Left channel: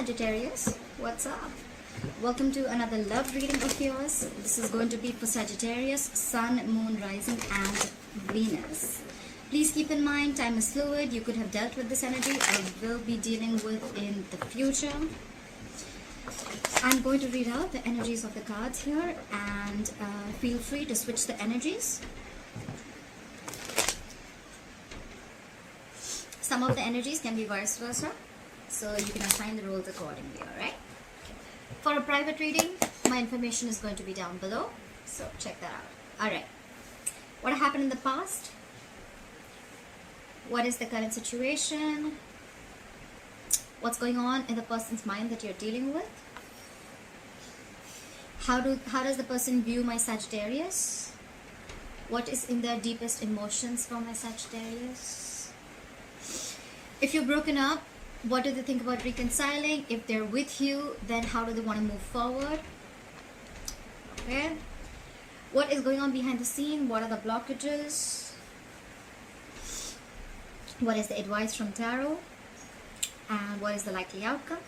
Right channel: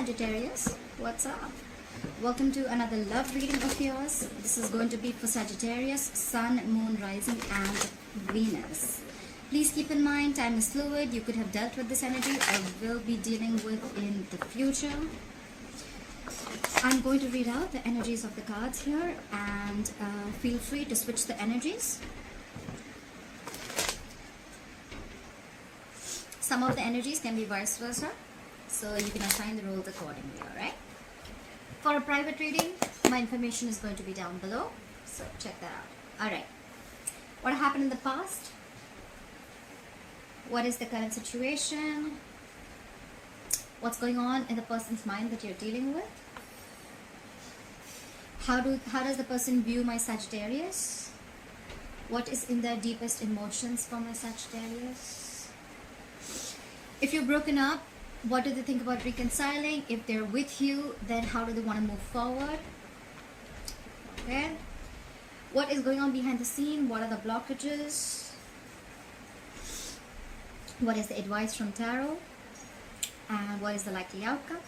Sagittarius, what's up? Welcome to another love reading of yours. This is going to be for Sagittarius, Sun, Moon, Rising, and Venus. Please keep in mind, time is fluid. You could have dealt with this energy or will be dealing with in the future. I'm going to read out the energies of the cards here, and feel free to switch the energies. Some of the energies can be vice versa, so you can assign the roles accordingly, alright? For a private reading, my information is going to be down below, so check that out. Alright, what happened in the past? What is the current situation? What's going on in the person's mind that you're dealing with? How does the person view my Sagittarius? What is in their deepest emotions for my Sagittarius? If you're broken up, what do they think about reconciling? If they're with you, then how do they want to move forward? Okay. What is going on behind the scene? What are the blockages? What is the advice from Tarot? And what is the likely outcome?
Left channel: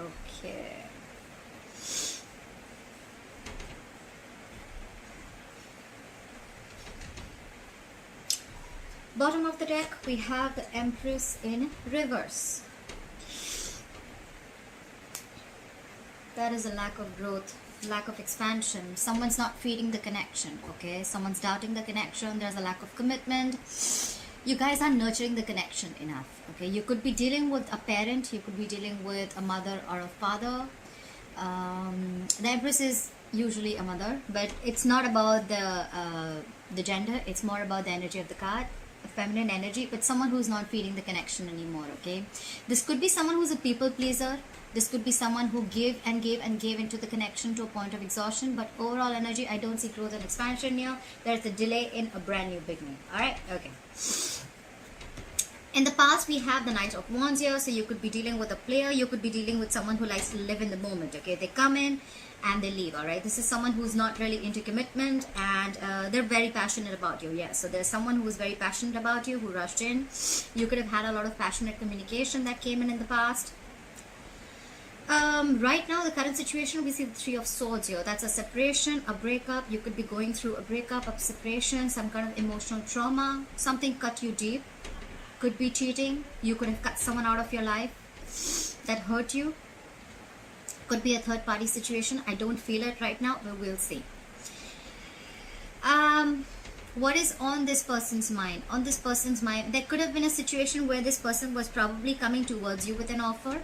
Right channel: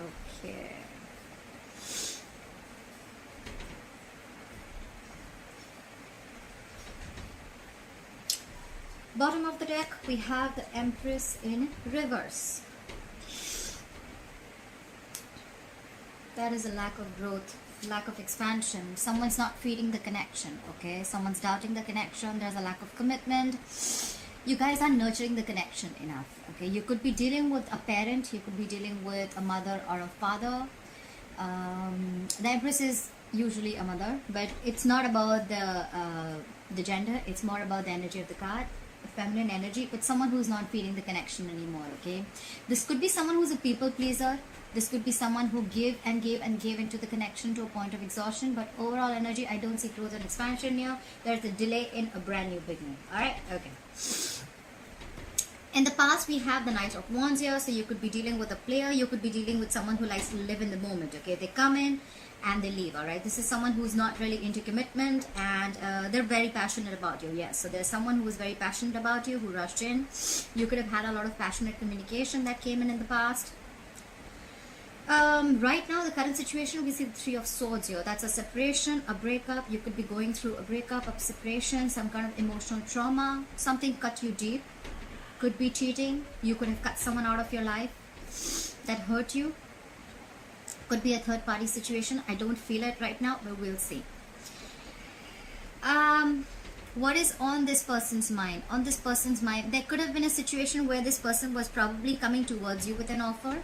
Okay. Bottom of the deck, we have the Empress in reverse. That is a lack of growth, lack of expansion. Someone's not feeding the connection, okay? Someone's doubting the connection. There's a lack of commitment. You guys aren't nurturing the connection enough, okay? You could be dealing with a parent. You could be dealing with a mother or a father. The Empress is usually a mother, but it's not about the gender. It's more about the energy of the card. Feminine energy, but someone who's not feeling the connection anymore, okay? This could be someone who's a people pleaser. This could be someone who gave and gave and gave into the connection to a point of exhaustion, but overall energy, I don't see growth and expansion here. There's a delay in a brand new beginning. Alright, okay. In the past, we have the Knight of Wands here, so you could be dealing with a player, you could be dealing with someone who likes to live in the moment, okay? They come in and they leave, alright? This is someone who's not really into commitment, and they're very passionate about you, yes. So there's someone who's very passionate about you, who rushed in. You could have had a lot of passionate communication that came in the past. Right now, the current situation, we see the Three of Swords here. That's a separation, a breakup. You could be going through a breakup, a separation, some kind of emotional trauma. Something cut you deep. Could be cheating. You could have cut someone out of your life that hurt you. Could be a third party situation. I don't feel it right now, but we'll see. What is on this person's mind? On this person's mind, there could have been a situation where this person was probably coming towards you with an offer.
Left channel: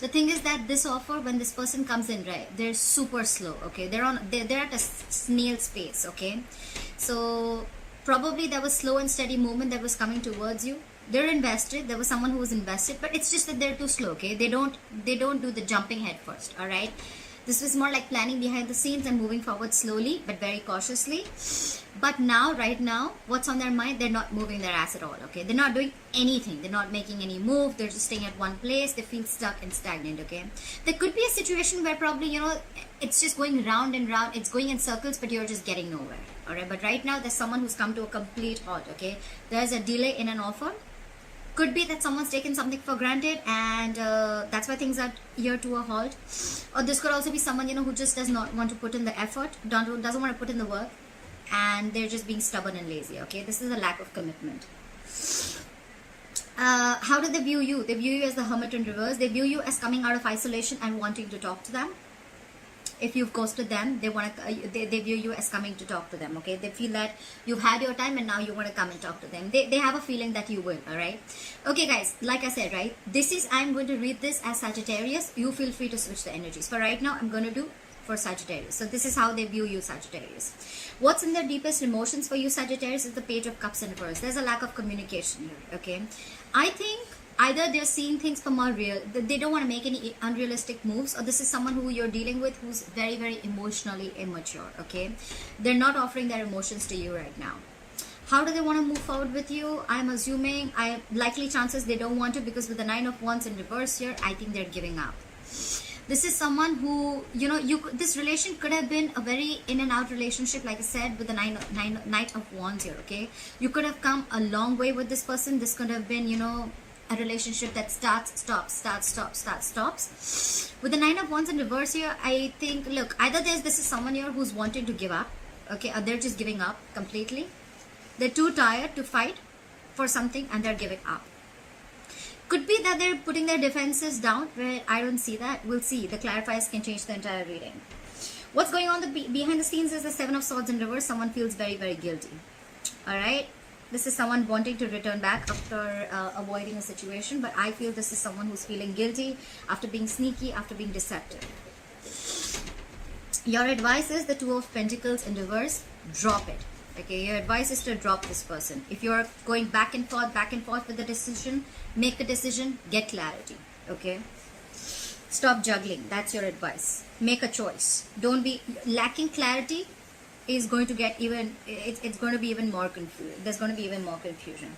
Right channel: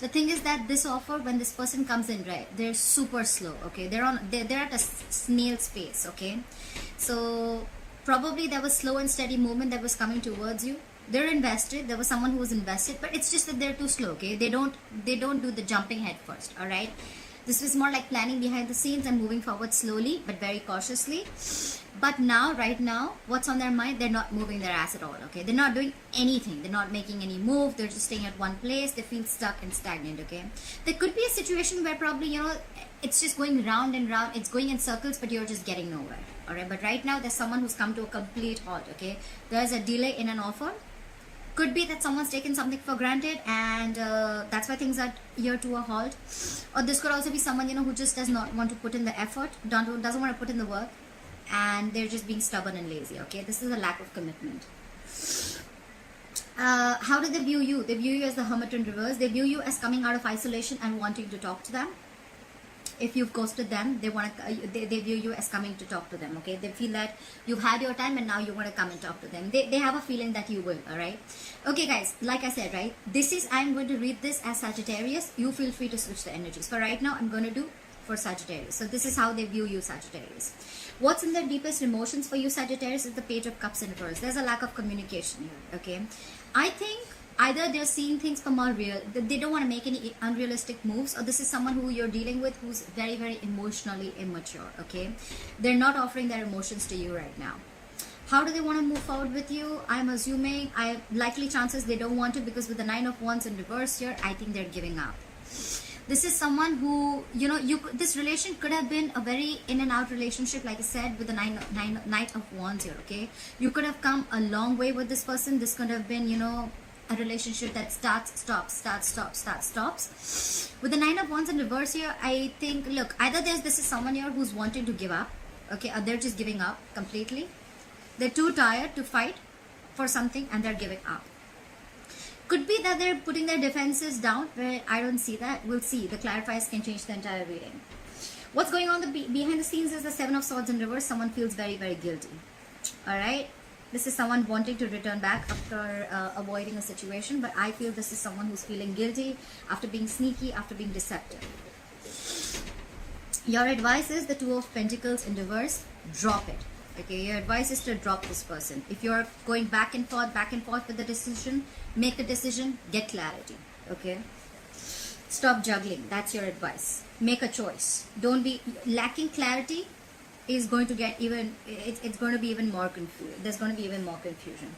The thing is that this offer, when this person comes in, right, they're super slow, okay? They're at a snail's pace, okay? So probably there was slow and steady movement that was coming towards you. They're invested. There was someone who was invested, but it's just that they're too slow, okay? They don't do the jumping head first, all right? This was more like planning behind the scenes and moving forward slowly, but very cautiously. But now, right now, what's on their mind? They're not moving their ass at all, okay? They're not doing anything. They're not making any move. They're just staying at one place. They feel stuck and stagnant, okay? There could be a situation where probably, you know, it's just going round and round. It's going in circles, but you're just getting nowhere, all right? But right now, there's someone who's come to a complete halt, okay? There's a delay in an offer. Could be that someone's taken something for granted, and that's why things are here to a halt. Or this could also be someone, you know, who just does not want to put in the effort, doesn't want to put in the work, and they're just being stubborn and lazy, okay? This is a lack of commitment. How do they view you? They view you as the Hermit in reverse. They view you as coming out of isolation and wanting to talk to them. If you've ghosted them, they view you as coming to talk to them, okay? They feel that you've had your time and now you want to come and talk to them. They have a feeling that you will, all right? Okay, guys, like I said, right? I'm going to read this as Sagittarius. You feel free to switch the energies. For right now, I'm going to do for Sagittarius. So this is how they view you, Sagittarius. What's in their deepest emotions for you, Sagittarius, is the Page of Cups in reverse. There's a lack of communication here, okay? I think either they're seeing things from unreal, they don't want to make any unrealistic moves, or this is someone who you're dealing with who's very, very emotionally immature, okay? They're not offering their emotions to you right now. How do they want to move forward with you? I'm assuming, likely chances they don't want to, because with the Nine of Wands in reverse here, I think they're giving up. This is someone who, you know, this relation could have been a very in and out relationship, like I said, with the Knight of Wands here, okay? You could have come a long way with this person. This could have been, you know, a relationship that starts, stops, starts, stops, starts, stops. With the Nine of Wands in reverse here, I think, look, either this is someone here who's wanting to give up, okay, or they're just giving up completely. They're too tired to fight for something and they're giving up. Could be that they're putting their defenses down. I don't see that. We'll see. The clarifiers can change the entire reading. What's going on behind the scenes is the Seven of Swords in reverse. Someone feels very, very guilty. Alright? This is someone wanting to return back after avoiding a situation. But I feel this is someone who's feeling guilty after being sneaky, after being deceptive. Your advice is the Two of Pentacles in reverse. Drop it. Okay, your advice is to drop this person. If you're going back and forth with the decision, make a decision, get clarity. Okay? Stop juggling. That's your advice. Make a choice. Don't be lacking clarity is going to get even, it's going to be even more confused. There's going to be even more confusion.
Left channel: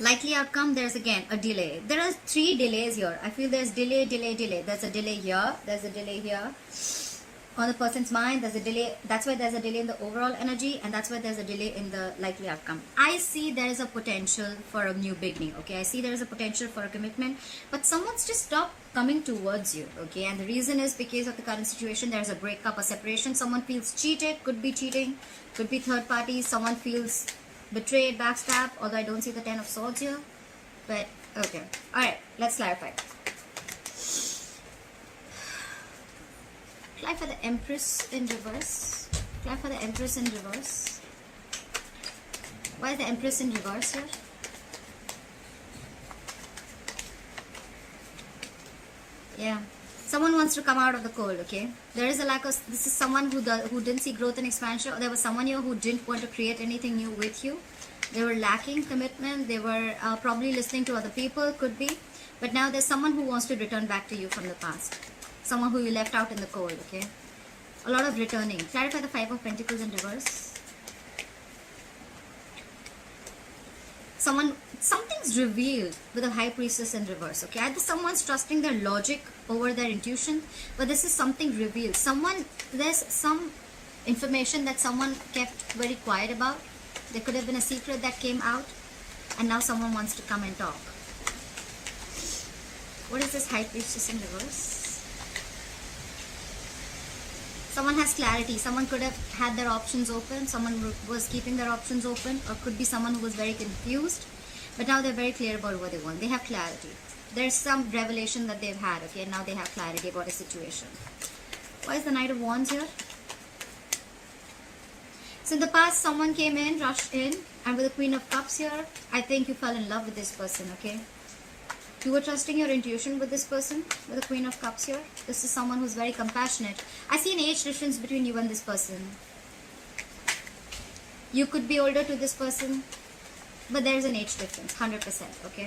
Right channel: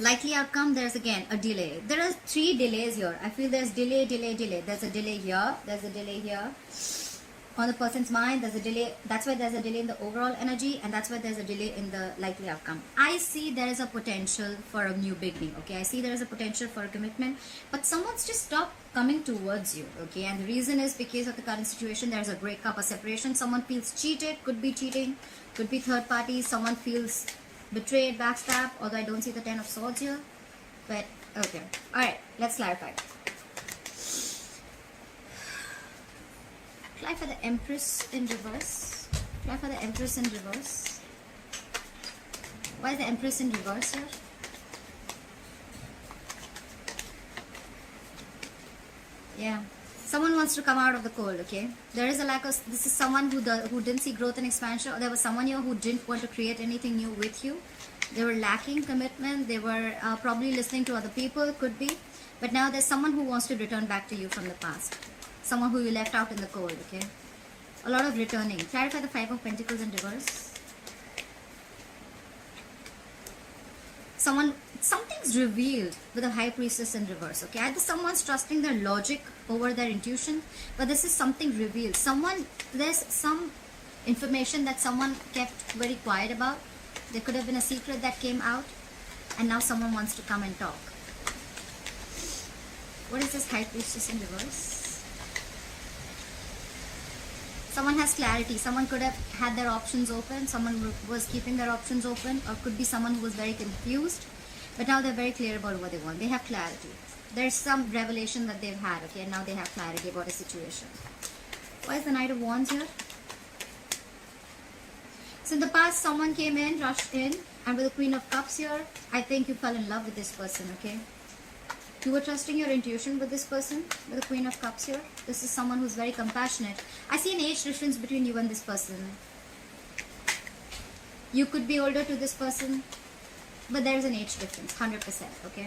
Likely outcome, there's again a delay. There are 3 delays here. I feel there's delay. There's a delay here. There's a delay here. On the person's mind, there's a delay. That's why there's a delay in the overall energy, and that's why there's a delay in the likely outcome. I see there is a potential for a new beginning, okay? I see there is a potential for a commitment, but someone's just stopped coming towards you, okay? And the reason is because of the current situation. There's a breakup, a separation. Someone feels cheated, could be cheating, could be third party. Someone feels betrayed, backstabbed, although I don't see the Ten of Swords here. But, okay. Alright, let's clarify. Apply for the Empress in reverse. Apply for the Empress in reverse. Why is the Empress in reverse here? Yeah. Someone wants to come out of the cold, okay? There is a lack of... This is someone who didn't see growth and expansion. Or there was someone here who didn't want to create anything new with you. They were lacking commitment. They were probably listening to other people, could be. But now there's someone who wants to return back to you from the past. Someone who you left out in the cold, okay? A lot of returning. Clarify the Five of Pentacles in reverse. Something's revealed with a High Priestess in reverse, okay? Either someone's trusting their logic over their intuition, but this is something revealed. There's some information that someone kept very quiet about. There could have been a secret that came out, and now someone wants to come and talk. What is this High Priestess in reverse? Someone has clarity. Someone could have had their options open. Someone was keeping their options open. Or could be someone who was very confused. But now they're very clear about what they want. They have clarity. There's some revelation that they've had. Okay, and now they have clarity about a situation. Why is the Knight of Wands here? So in the past, someone came in, rushed in. And with the Queen of Cups here, I think you fell in love with this person, okay? You were trusting your intuition with this person, with the Queen of Cups here. This is someone who's very compassionate. I see an age difference between you and this person. You could be older to this person, but there is an age difference, 100%, okay?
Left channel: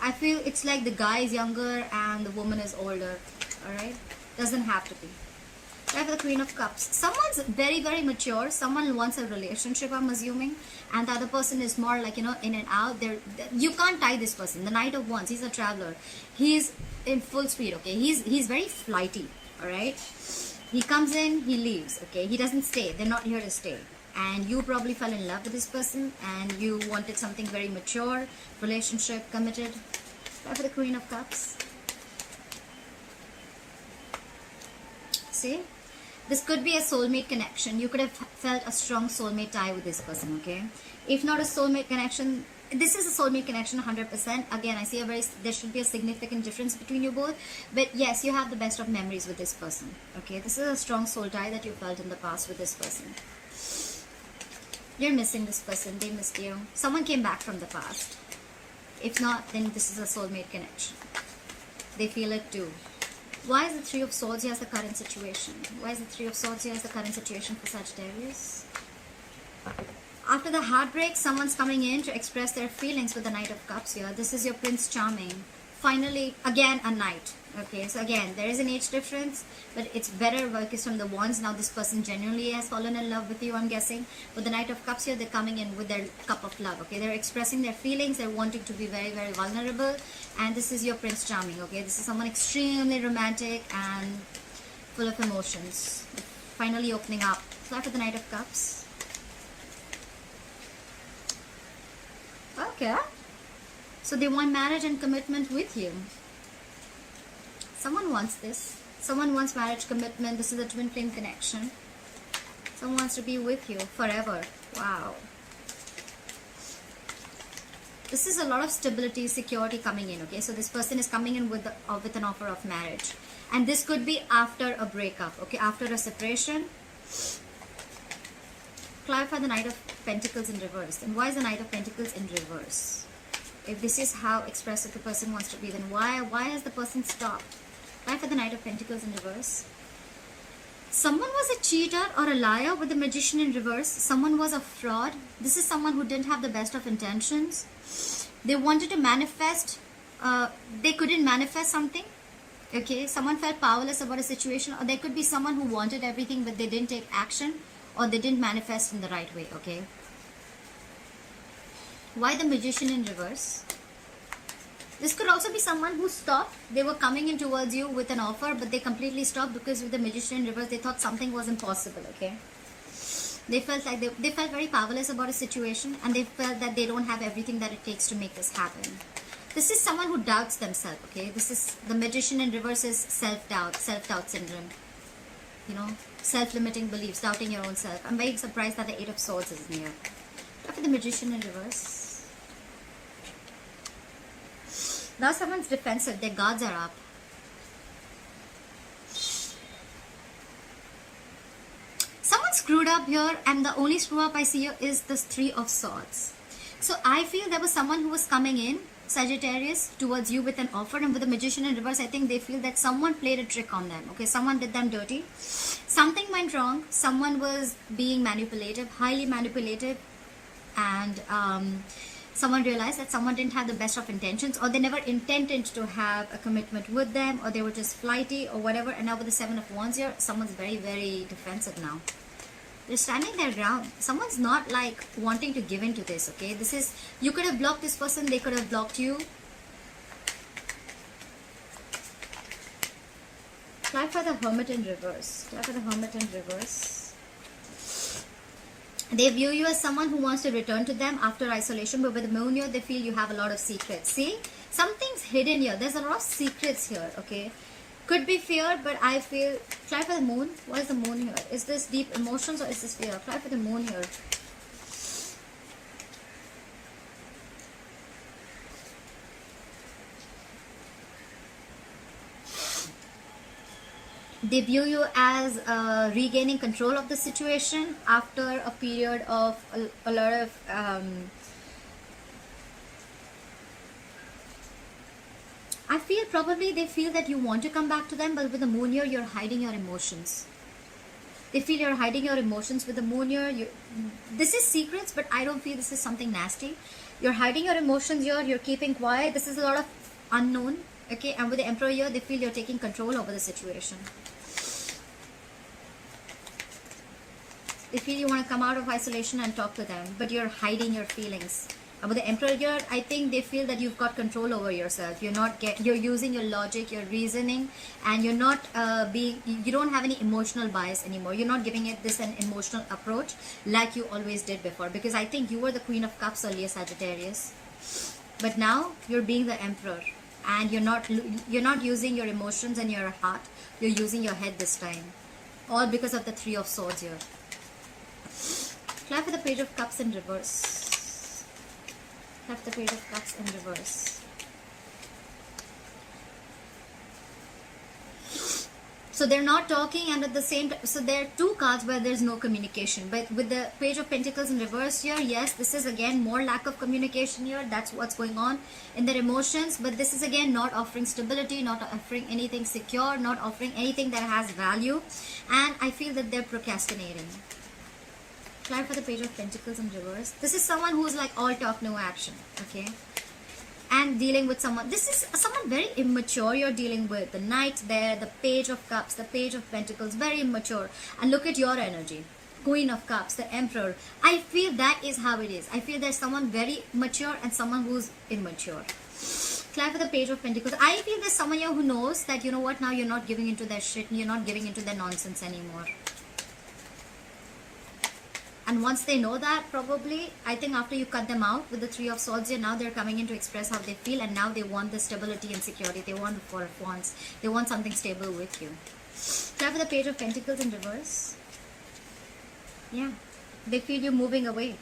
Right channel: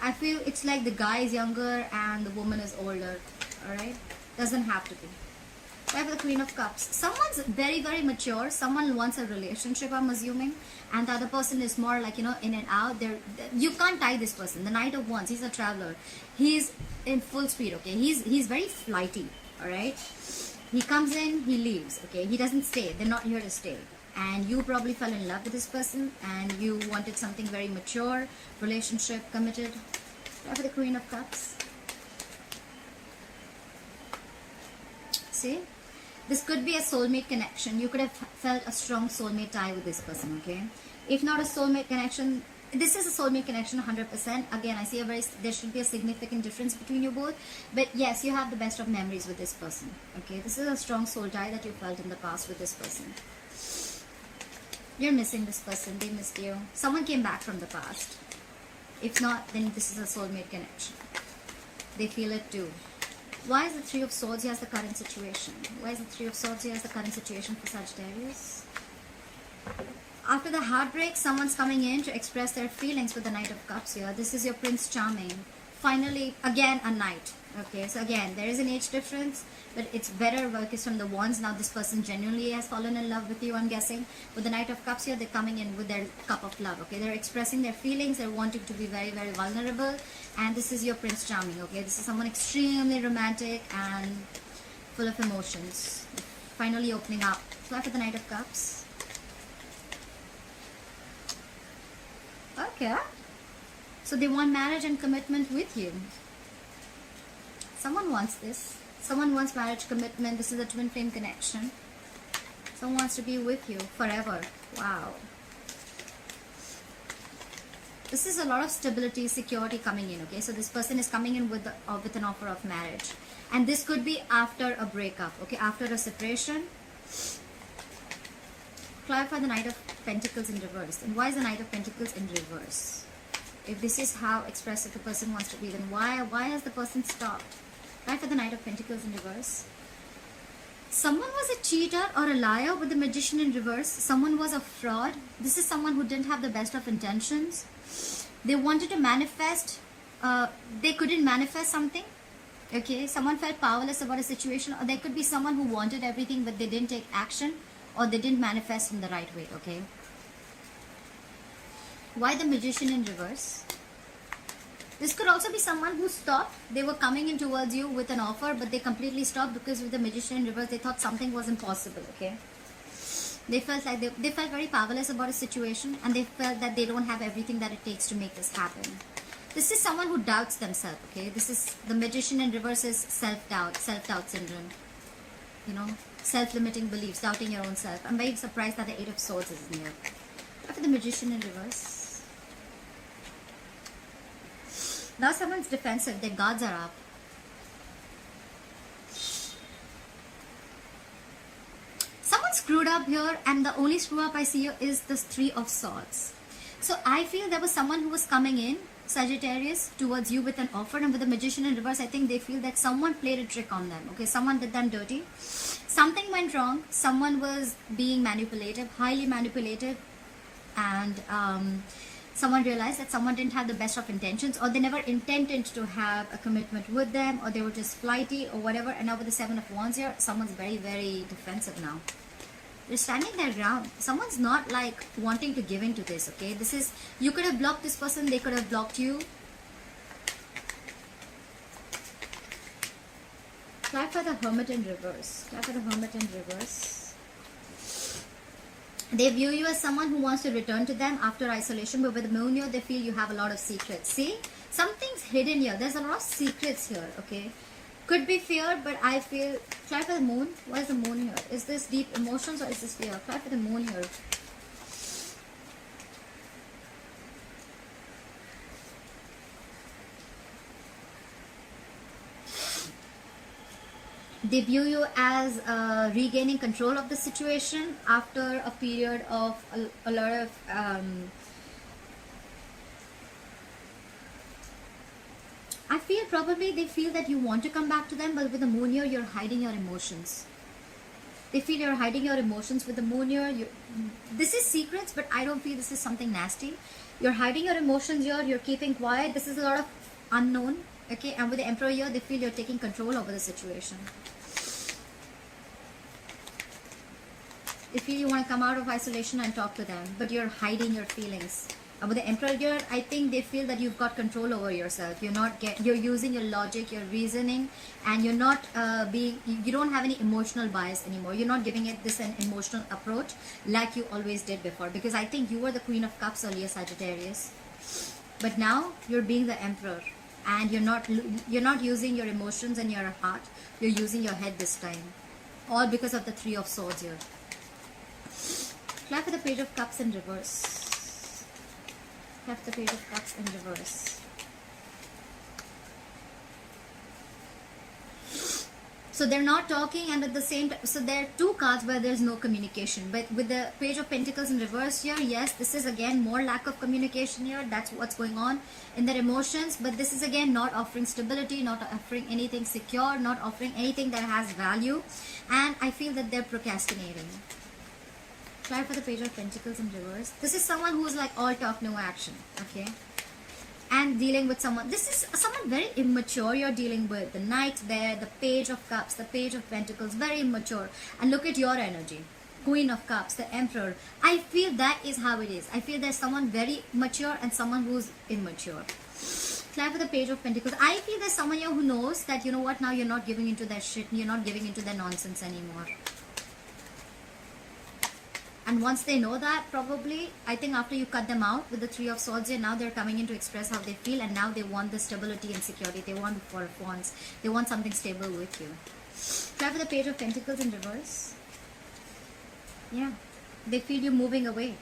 I feel it's like the guy is younger and the woman is older, alright? Doesn't have to be. I have the Queen of Cups. Someone's very, very mature. Someone wants a relationship, I'm assuming. And the other person is more like, you know, in and out. You can't tie this person. The Knight of Wands, he's a traveler. He's in full speed, okay? He's very flighty, alright? He comes in, he leaves, okay? He doesn't stay. They're not here to stay. And you probably fell in love with this person. And you wanted something very mature, relationship, committed. I have the Queen of Cups. See? This could be a soulmate connection. You could have felt a strong soulmate tie with this person, okay? If not a soulmate connection, this is a soulmate connection 100%. Again, I see there should be a significant difference between you both. But yes, you have the best of memories with this person, okay? This is a strong soul tie that you felt in the past with this person. You're missing this person. They missed you. Someone came back from the past. If not, then this is a soulmate connection. They feel it too. Why is the Three of Swords here as the current situation? Why is the Three of Swords here as the current situation for Sagittarius? After the heartbreak, someone's coming in to express their feelings with the Knight of Cups here. This is your Prince Charming. Finally, again, a knight. Okay, so again, there is an age difference, but it's better because from the Wands, now this person genuinely has fallen in love with you, I'm guessing. With the Knight of Cups here, they're coming in with their cup of love, okay? They're expressing their feelings, they're wanting to be very, very vulnerable, and this is your Prince Charming, okay? This is someone extremely romantic and full of emotions. Finally opening up. So after the Knight of Cups, Okay. So they want marriage and commitment with you. Someone wants this. Someone wants marriage commitment. This is a twin flame connection. Someone wants to be with you forever. Wow. This is a lot of stability, security coming in, okay? So this person is coming in with an offer of marriage. And this could be after a breakup, okay? After a separation. Clarify the Knight of Pentacles in reverse. Then why is the Knight of Pentacles in reverse? If this is how expressive the person wants to be, then why has the person stopped? Clarify the Knight of Pentacles in reverse. Someone was a cheater or a liar with the Magician in reverse. Someone was a fraud. This is someone who didn't have the best of intentions. They wanted to manifest. They couldn't manifest something. Okay, someone felt powerless about a situation, or there could be someone who wanted everything but they didn't take action, or they didn't manifest in the right way. Okay. Why the Magician in reverse? This could also be someone who stopped. They were coming in towards you with an offer, but they completely stopped because with the Magician in reverse, they thought something was impossible, okay? They felt like they felt very powerless about a situation, and they felt that they don't have everything that it takes to make this happen. This is someone who doubts themselves, okay? This is the Magician in reverse is self-doubt syndrome. You know, self-limiting beliefs, doubting your own self. I'm very surprised that the Eight of Swords is here. After the Magician in reverse. Now someone's defensive, their guards are up. Someone screwed up here, and the only screw up I see here is this Three of Swords. So I feel there was someone who was coming in, Sagittarius, towards you with an offer, and with the Magician in reverse, I think they feel that someone played a trick on them. Okay, someone did them dirty. Something went wrong. Someone was being manipulative, highly manipulative, and someone realized that someone didn't have the best of intentions, or they never intended to have a commitment with them, or they were just flighty or whatever. And now with the Seven of Wands here, someone's very, very defensive now. They're standing their ground. Someone's not like wanting to give in to this, okay? This is, you could have blocked this person, they could have blocked you. Clarify the Hermit in reverse. Clarify the Hermit in reverse. They view you as someone who wants to return to them after isolation, but with the moon here, they feel you have a lot of secrets. See? Something's hidden here. There's a lot of secrets here, okay? Could be fear, but I feel... Clarify the moon. Why is the moon here? Is this deep emotions or is this fear? Clarify the moon here. They view you as regaining control of the situation after a period of a lot of I feel probably they feel that you want to come back to them, but with the moon here, you're hiding your emotions. They feel you're hiding your emotions with the moon here. This is secrets, but I don't feel this is something nasty. You're hiding your emotions here. You're keeping quiet. This is a lot of unknown. Okay, and with the Emperor here, they feel you're taking control over the situation. They feel you want to come out of isolation and talk to them, but you're hiding your feelings. And with the Emperor here, I think they feel that you've got control over yourself. You're using your logic, your reasoning, and you're not you don't have any emotional bias anymore. You're not giving it this an emotional approach like you always did before. Because I think you were the Queen of Cups earlier, Sagittarius, but now you're being the Emperor, and you're not using your emotions and your heart. You're using your head this time, all because of the Three of Swords here. Clap for the Page of Cups in reverse. Clap the Page of Cups in reverse. So they're not talking, and at the same time, so there are two cards where there's no communication. But with the Page of Pentacles in reverse here, yes, this is again more lack of communication here. That's what's going on in their emotions. But this is again not offering stability, not offering anything secure, not offering anything that has value. And I feel that they're procrastinating. Try for the Page of Pentacles in reverse. This is someone who's like all talk, no action. Okay. And dealing with someone, this is someone very immature you're dealing with. The Knight there, the Page of Cups, the Page of Pentacles, very immature. And look at your energy. Queen of Cups, the Emperor. I feel that is how it is. I feel there's someone very mature and someone who's immature. Try for the Page of Pentacles. I feel there's someone here who knows that, you know what, now you're not giving into their shit, you're not giving into their nonsense anymore. And once they know that, probably, I think after you cut them out with the Three of Swords here, now they're coming in to express how they feel, and now they want the stability and security. They want the Four of Wands. They want something stable with you. Try for the Page of Pentacles in reverse. Yeah. They feel you moving away.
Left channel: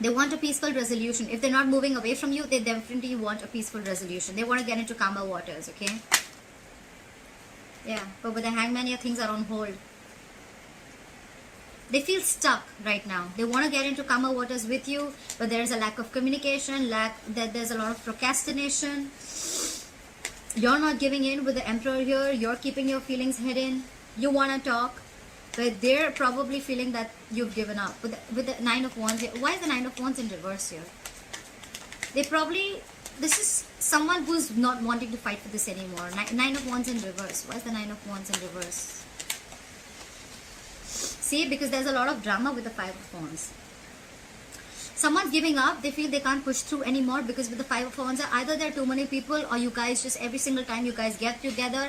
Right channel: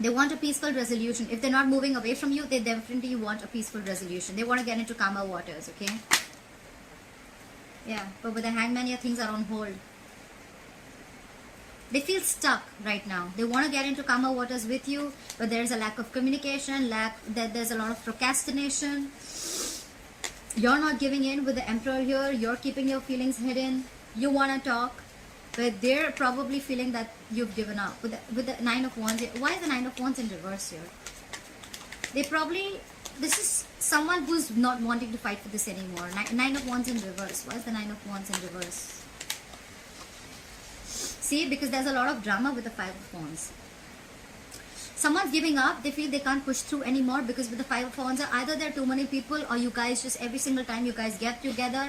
They want a peaceful resolution. If they're not moving away from you, they definitely want a peaceful resolution. They want to get into calmer waters, okay? Yeah, but with the Hangman here, things are on hold. They feel stuck right now. They want to get into calmer waters with you, but there is a lack of communication, there's a lot of procrastination. You're not giving in with the Emperor here. You're keeping your feelings hidden. You want to talk, but they're probably feeling that you've given up. With the Nine of Wands, why is the Nine of Wands in reverse here? This is someone who's not wanting to fight for this anymore. Nine of Wands in reverse. Why is the Nine of Wands in reverse? See, because there's a lot of drama with the Five of Wands. Someone's giving up. They feel they can't push through anymore because with the Five of Wands, either there are too many people, or you guys just every single time you guys get together,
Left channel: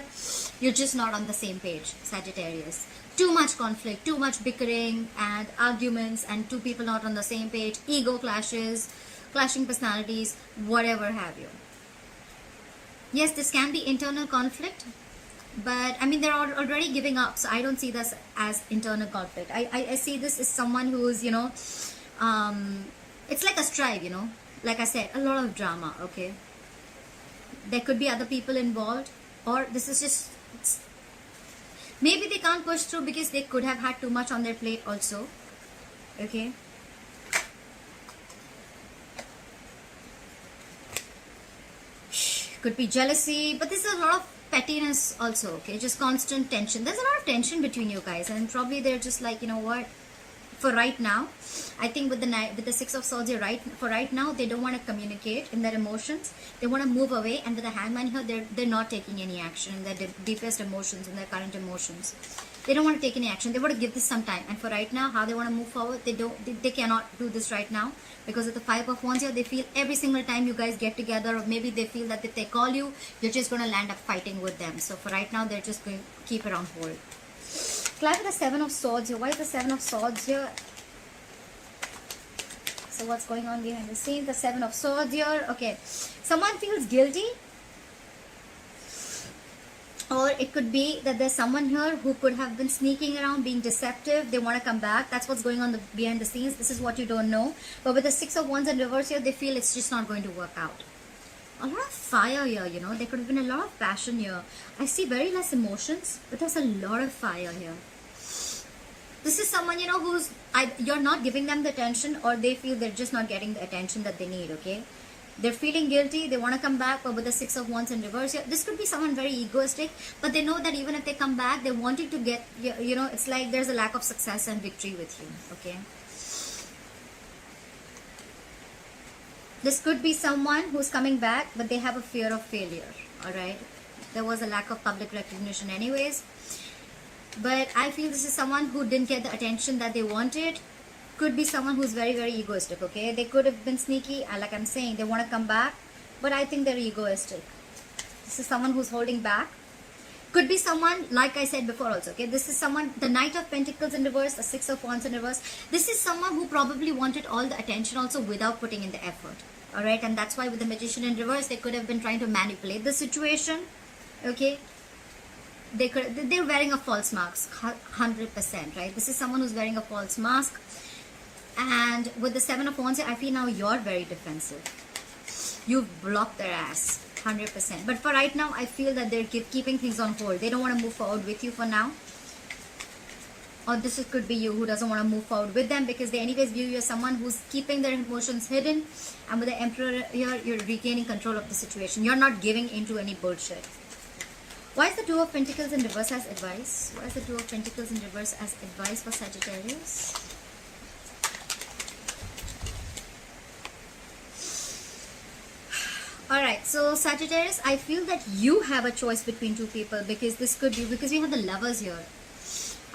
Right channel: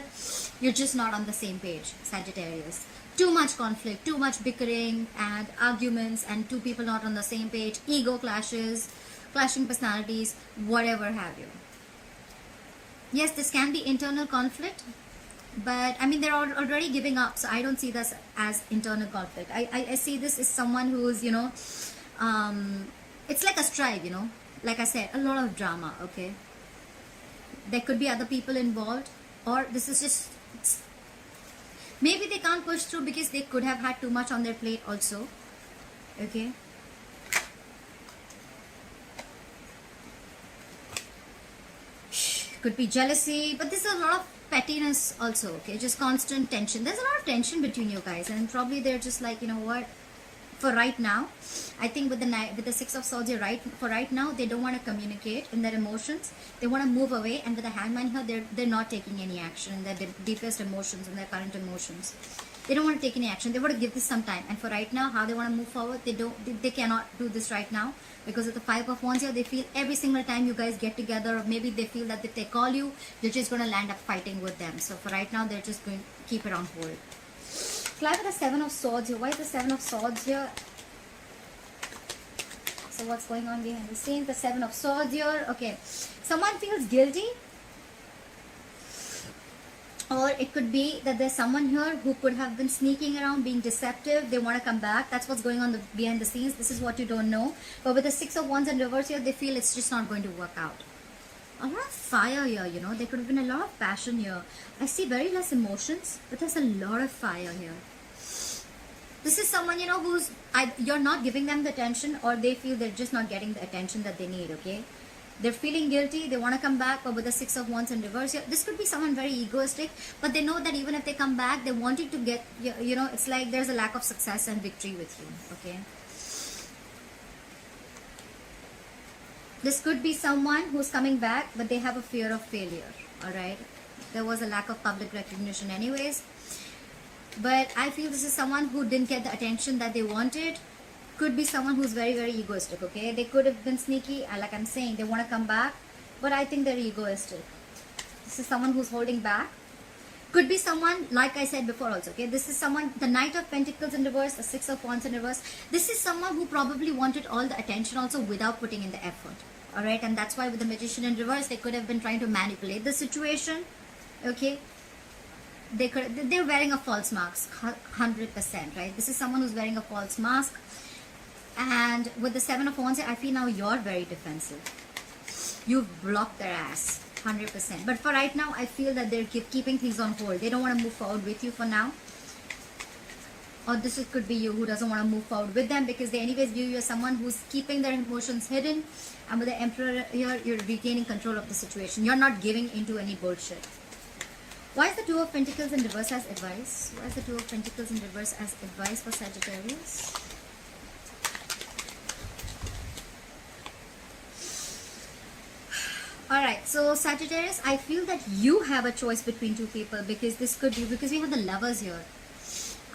you're just not on the same page, Sagittarius. Too much conflict, too much bickering and arguments, and two people not on the same page, ego clashes, clashing personalities, whatever have you. Yes, this can be internal conflict, but I mean, they're already giving up, so I don't see this as internal conflict. I see this as someone who's, it's like a strife, like I said, a lot of drama, okay? There could be other people involved, or this is just, maybe they can't push through because they could have had too much on their plate also, okay? Could be jealousy, but there's a lot of pettiness also, okay? Just constant tension. There's a lot of tension between you guys, and probably they're just like, you know what? For right now, I think with the Six of Swords, you're right. For right now, they don't want to communicate in their emotions. They want to move away, and with the Hangman here, they're not taking any action in their deepest emotions, in their current emotions. They don't want to take any action. They want to give this some time. And for right now, how they want to move forward, they cannot do this right now. Because of the Five of Wands here, they feel every single time you guys get together, or maybe they feel that if they call you, you're just going to land up fighting with them. So for right now, they're just going to keep it on hold. Fly with the Seven of Swords here. Why is the Seven of Swords here? So what's going on behind the scenes? The Seven of Swords here. Okay. Someone feels guilty. Or it could be that there's someone here who could have been sneaking around, being deceptive. They want to come back. That's what's going on behind the scenes. This is what you don't know. But with the Six of Wands in reverse here, they feel it's just not going to work out. A lot of fire here, There could have been a lot of passion here. I see very less emotions, but there's a lot of fire here. This is someone, who's... you're not giving them the attention, or they feel they're just not getting the attention that they need, okay? They're feeling guilty, they want to come back, but with the Six of Wands in reverse here, this could be someone very egoistic, but they know that even if they come back, they want it to get, it's like there's a lack of success and victory with you, okay? This could be someone who's coming back, but they have a fear of failure, alright? There was a lack of public recognition anyways, but I feel this is someone who didn't get the attention that they wanted. Could be someone who's very, very egoistic, okay? They could have been sneaky, like I'm saying, they want to come back, but I think they're egoistic. This is someone who's holding back. Could be someone, like I said before also, okay? This is someone, the Knight of Pentacles in reverse, the Six of Wands in reverse. This is someone who probably wanted all the attention also without putting in the effort, alright? And that's why with the Magician in reverse, they could have been trying to manipulate the situation, okay? They're wearing a false mask, 100%, right? This is someone who's wearing a false mask. And with the Seven of Wands, I feel now you're very defensive. You've blocked their ass, 100%. But for right now, I feel that they're keeping things on hold. They don't want to move forward with you for now. Or this could be you who doesn't want to move forward with them because they anyways view you as someone who's keeping their emotions hidden. And with the Emperor here, you're regaining control of the situation. You're not giving into any bullshit. Why is the Two of Pentacles in reverse as advice? What is the Two of Pentacles in reverse as advice for Sagittarius? Alright, so Sagittarius, I feel that you have a choice between two people because this could be, because we have the Lovers here.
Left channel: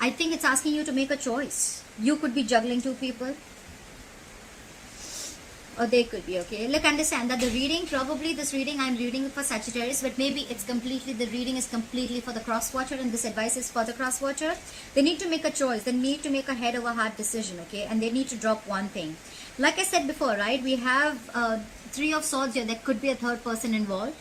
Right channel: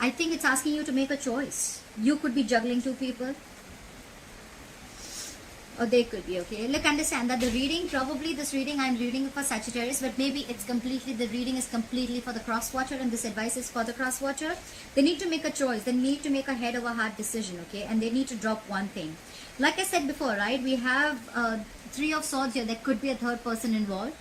I think it's asking you to make a choice. You could be juggling two people. or they could be, okay? Look, understand that the reading, probably this reading I'm reading for Sagittarius, but maybe it's completely, the reading is completely for the cross watcher, and this advice is for the cross watcher. They need to make a choice. They need to make a head over heart decision, okay? And they need to drop one thing. Like I said before, right? We have Three of Swords here. There could be a third person involved.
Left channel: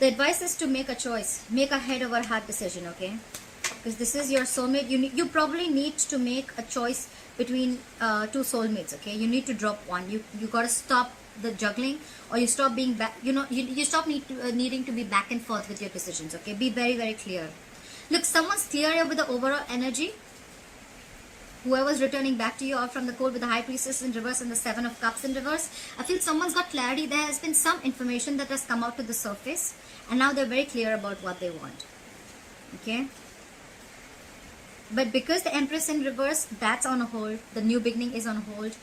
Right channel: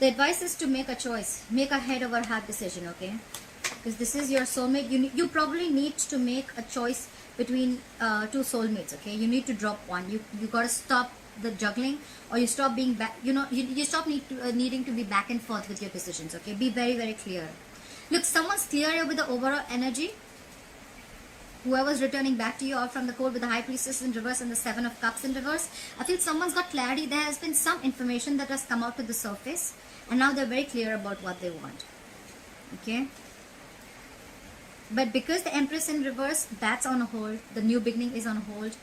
The advice is to make a choice, make a head over heart decision, okay? Because this is your soulmate. You probably need to make a choice between two soulmates, okay? You need to drop one. You gotta stop the juggling, or you stop being back. You stop needing to be back and forth with your decisions, okay? Be very, very clear. Look, someone's clear here with the overall energy. Whoever's returning back to you, or from the court with the High Priestess in reverse and the Seven of Cups in reverse, I feel someone's got clarity. There has been some information that has come out to the surface, and now they're very clear about what they want. Okay? But because the Empress in reverse, that's on a hold. The new beginning is on hold.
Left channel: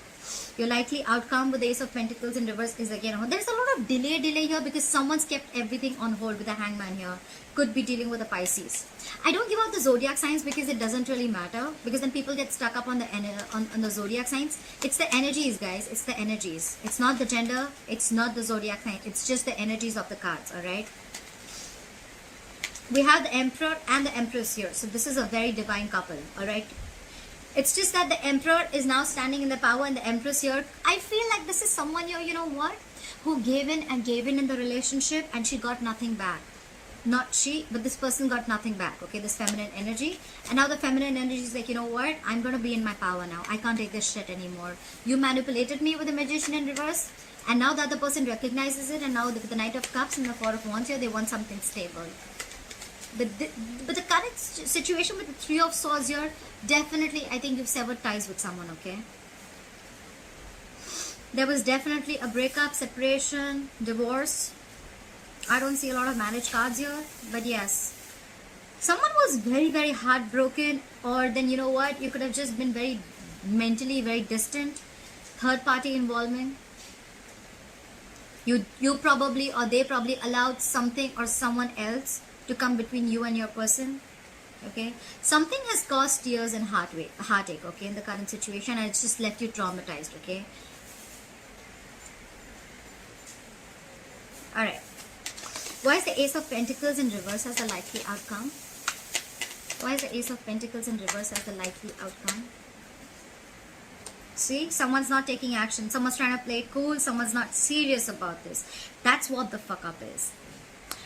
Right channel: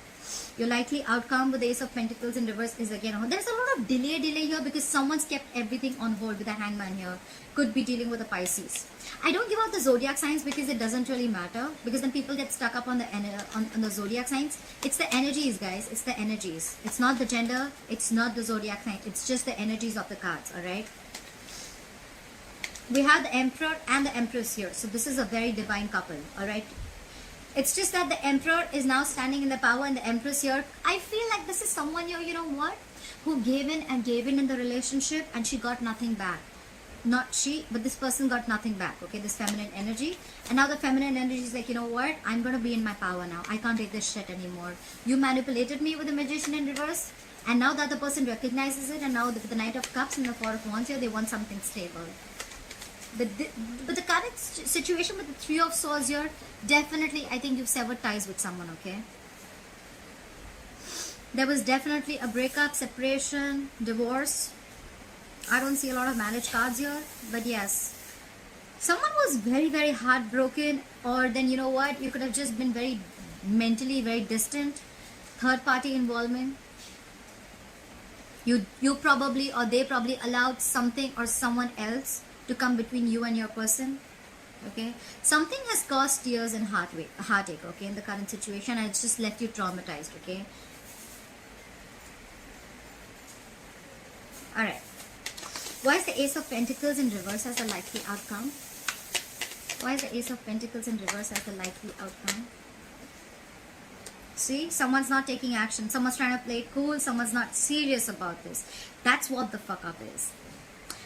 Your likely outcome with the Ace of Pentacles in reverse is again on. There's a lot of delay here because someone's kept everything on hold with the Hangman here. Could be dealing with the Pisces. I don't give out the zodiac signs because it doesn't really matter. Because then people get stuck up on the on the zodiac signs. It's the energies, guys. It's the energies. It's not the gender. It's not the zodiac sign. It's just the energies of the cards. All right. We have the Emperor and the Empress here. So this is a very divine couple. All right. It's just that the Emperor is now standing in the power and the Empress here. I feel like this is someone here, you know what? Who gave in the relationship and she got nothing back. Not she, but this person got nothing back. Okay, this feminine energy. And now the feminine energy is like, you know what? I'm going to be in my power now. I can't take this shit anymore. You manipulated me with the Magician in reverse. And now the other person recognizes it. And now with the Knight of Cups and the Four of Wands here, they want something stable. But the current situation with the Three of Swords here, definitely, I think you've severed ties with someone, okay? There was definitely a breakup, separation, divorce. I don't see a lot of marriage cards here, but yes. Someone was very, very heartbroken, or then, you know what, you could have just been very mentally very distant. Third party involvement. You probably, or they probably allowed something or someone else to come between you and your person. Okay, something has caused tears and heartache, okay, in the current situation, and it's just left you traumatized. Okay, all right. Why is the Ace of Pentacles in reverse as a likely outcome? Why is the Ace of Pentacles in reverse as a likely outcome? See, someone's not taking action. Someone's trying to play it cool. Someone's not serious about this. That's what the fuck up is.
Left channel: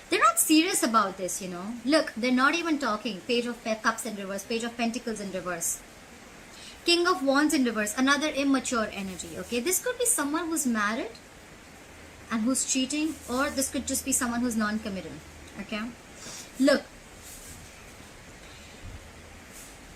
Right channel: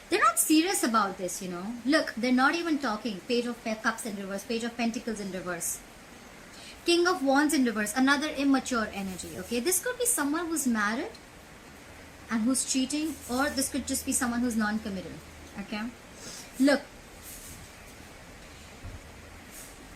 They're not serious about this, you know. Look, they're not even talking. Page of Cups in reverse. Page of Pentacles in reverse. King of Wands in reverse. Another immature energy, okay. This could be someone who's married and who's cheating. Or this could just be someone who's non-committal, okay. Look.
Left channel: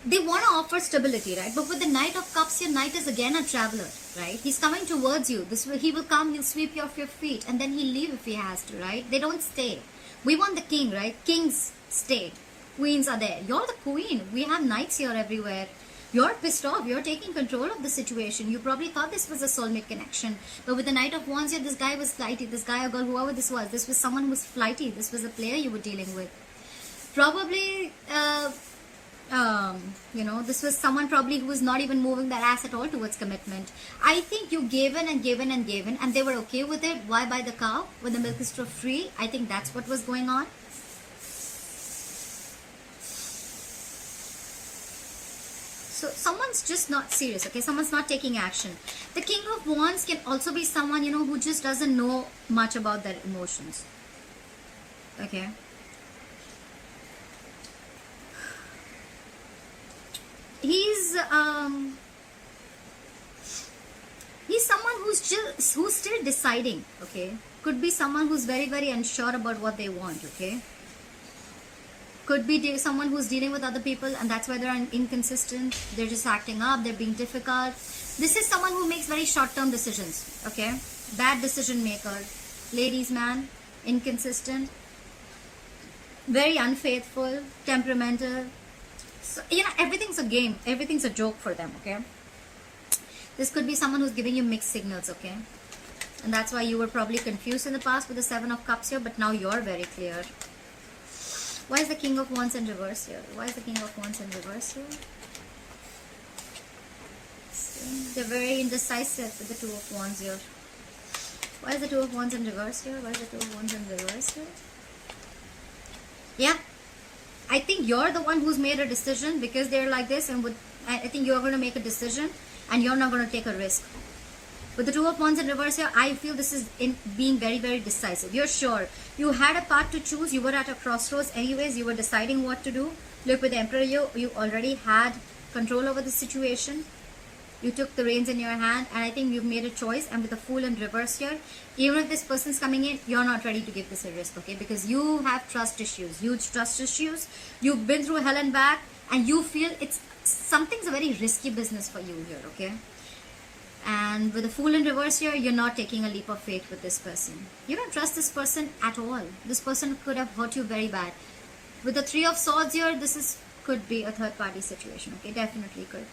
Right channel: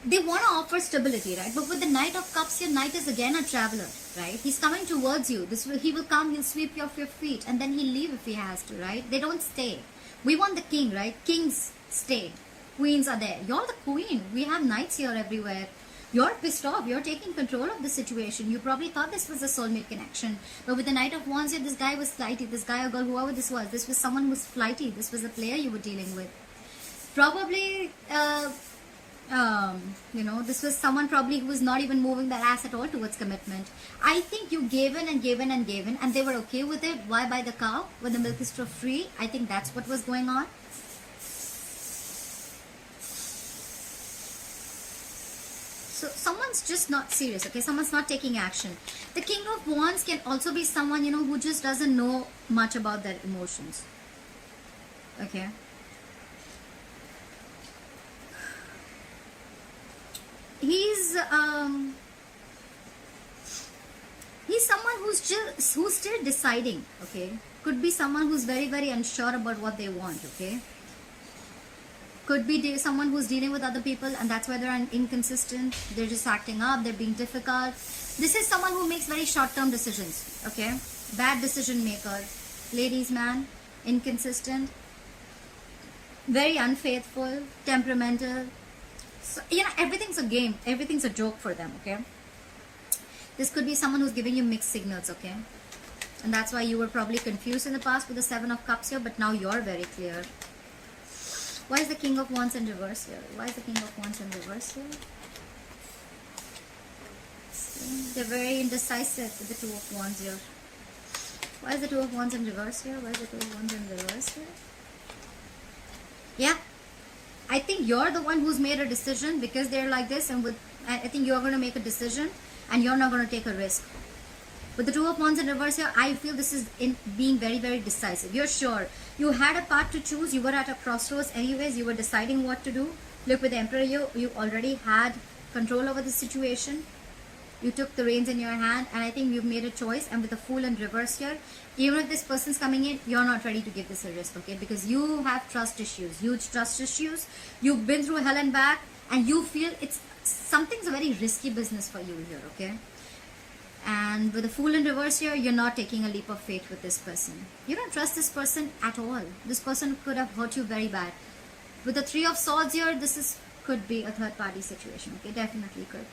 They want to offer stability, right? But with the Knight of Cups here, Knight is again a traveler, right? He's coming towards you. He will come, he'll sweep you off your feet, and then he'll leave if he has to, right? They don't stay. We want the king, right? Kings stay. Queens are there. You're the queen. We have knights here everywhere. You're pissed off. You're taking control of the situation. You probably thought this was a soulmate connection. But with the Knight of Wands here, this guy was flighty. This guy or girl, whoever this was someone who was flighty. This was a player you were dealing with. Probably, you know, this was someone probably who was not even moving their ass at all towards commitment. I think you gave in and gave in and gave in, and they were okay with it. Why buy the cow when the milk is still free? I think that's what was going on. So someone's just not serious, okay? Someone's not taking action. The King of Wands can also be someone, you know, who just doesn't know much about their emotions. Okay? He's someone who's still deciding, okay? Could be someone who's very, very unsure about what they want, okay? Could be someone who's dealing with other people and that's why they're inconsistent. They're just acting up, they're being difficult. This is someone who makes very short-term decisions, okay? Bad decision maker. Ladies man, inconsistent, very unfaithful, temperamental. So, yeah, everything's a game. Everything's a joke for them, okay? This could be someone who's giving you mixed signals, okay? And that's why you were probably confused in the past with the Seven of Cups here, but now you're very clear. Why is the King of Wands in reverse here? Why is the King of Wands in reverse here? They're very indecisive with the Two of Wands here. Why is the Two of Wands in reverse here? Why is the Two of Wands in reverse here? Yeah. I think you're the one who's made a decision because they're like this, and I think you're going to make a decision and you're not going to take a risk. With the Two of Wands in reverse here, I feel this is in being very, very decisive. You're sure. You had a path to choose. You were at a crossroads anyways. You were deciding what to do. Look, with the Emperor, you already had control over the situation. You took the reins in your hand, and I think you've made a choice. And with the Fool in reverse here, even if this person's coming in, you're not ready to give this a risk, okay? Because you have trust issues, huge trust issues. You've been through hell and back, and you feel something's a very risky business for you here, okay? And with the Fool in reverse here, you're not taking a leap of faith with this person. You don't trust this person at all. This person could have hurt you very bad. With the Three of Swords here, could be a third party situation, okay? Definitely could.